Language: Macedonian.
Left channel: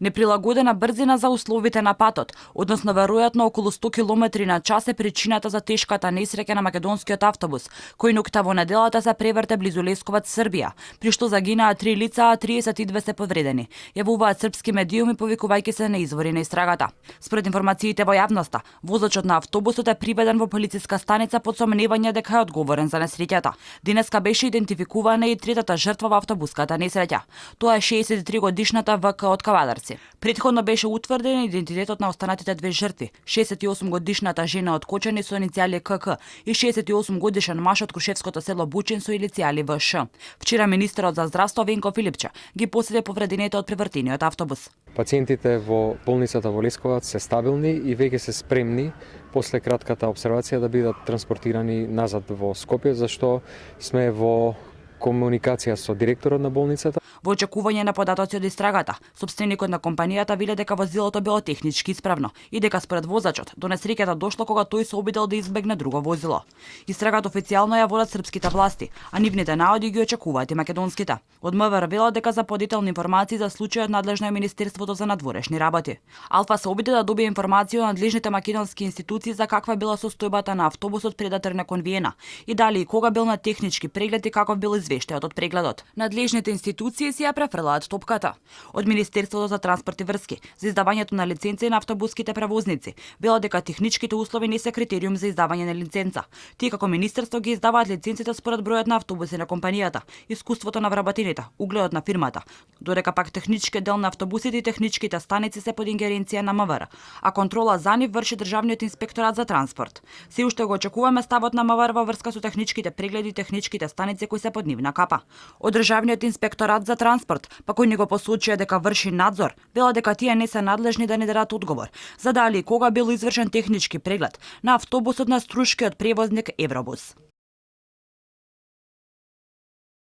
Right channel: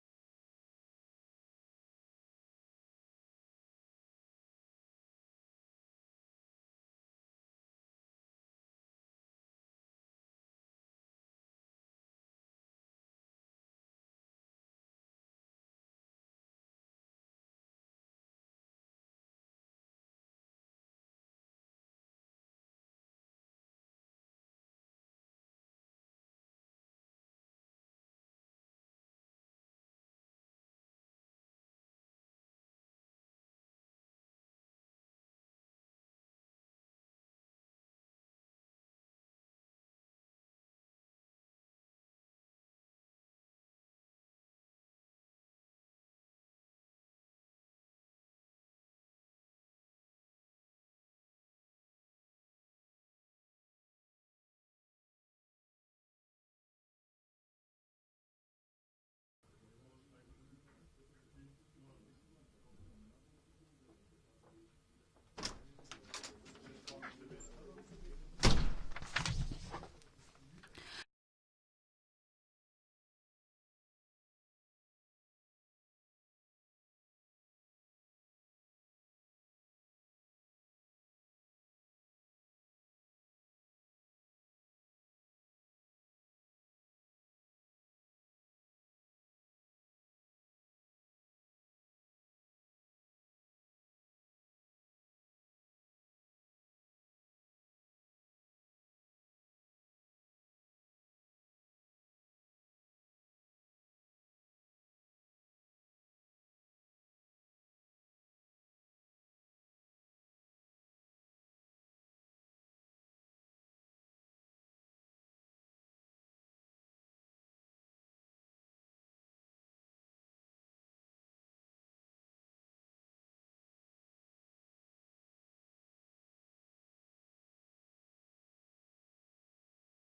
Неприлагодена брзина за условите на патот, односно веројатно околу 100 км на час е причината за тешката несреќа на македонскиот автобус, кој ноќта во неделата се преврте близу Лесковац, Србија, при што загинаа 3 лица, а 32 се повредени, јавуваат српски медиуми повикувајќи се на извори на истрагата. Според информациите во јавноста, возачот на автобусот е приведен во полициска станица под сомневање дека е одговорен за несреќата. Денеска беше идентификувана и третата жртва во автобуската несреќа. Тоа е 63 годишната ВК од Кавадарци. Предходно беше утврден идентитетот на останатите две жртви, 68 годишната жена од Кочани со иницијали КК и 68 годишен маж од Крушевското село Бучин со иницијали ВШ. Вчера министерот за здравство Венко Филипче ги посети повредените од превртениот автобус. Пациентите во болницата во Лесковац се стабилни и веќе се спремни после кратката обсервација да бидат транспортирани назад во Скопје, зашто сме во комуникација со директорот на болницата. Во очекување на податоци од истрагата, собственикот на компанијата вели дека возилото било технички исправно и дека според возачот до несреќата дошло кога тој се обидел да избегне друго возило. Истрагата официјално ја водат српските власти, а нивните наоди ги очекуваат и македонските. Од МВР велат дека за подетелни информации за случајот надлежно е Министерството за надворешни работи. Алфа се обиде да добие информација од надлежните македонски институции за каква била состојбата на автобусот пред да тргне кон Виена и дали и кога бил на технички преглед и каков бил извештајот од прегледот. Надлежните институции си ја префрлаат топката. Од Министерството за транспорт и врски за издавањето на лиценци на автобуските превозници велат дека техничките услови не се критериум за издавање на лиценца. Тие како министерство ги издаваат лиценците според бројот на автобуси на компанијата, искуството на вработените, угледот на фирмата, додека пак технички дел на автобусите и техничките станици се под ингеренција на МВР, а контрола за нив врши Државниот инспекторат за транспорт. Се уште го очекуваме ставот на МВР во врска со техничките прегледи и техничките станици кои се под нивна капа. Од Државниот инспекторат за транспорт, па кој ни го посочија дека врши надзор, вела дека тие не се надлежни да не дадат одговор за дали и кога бил извршен технички преглед на автобусот на струшкиот превозник Евробус.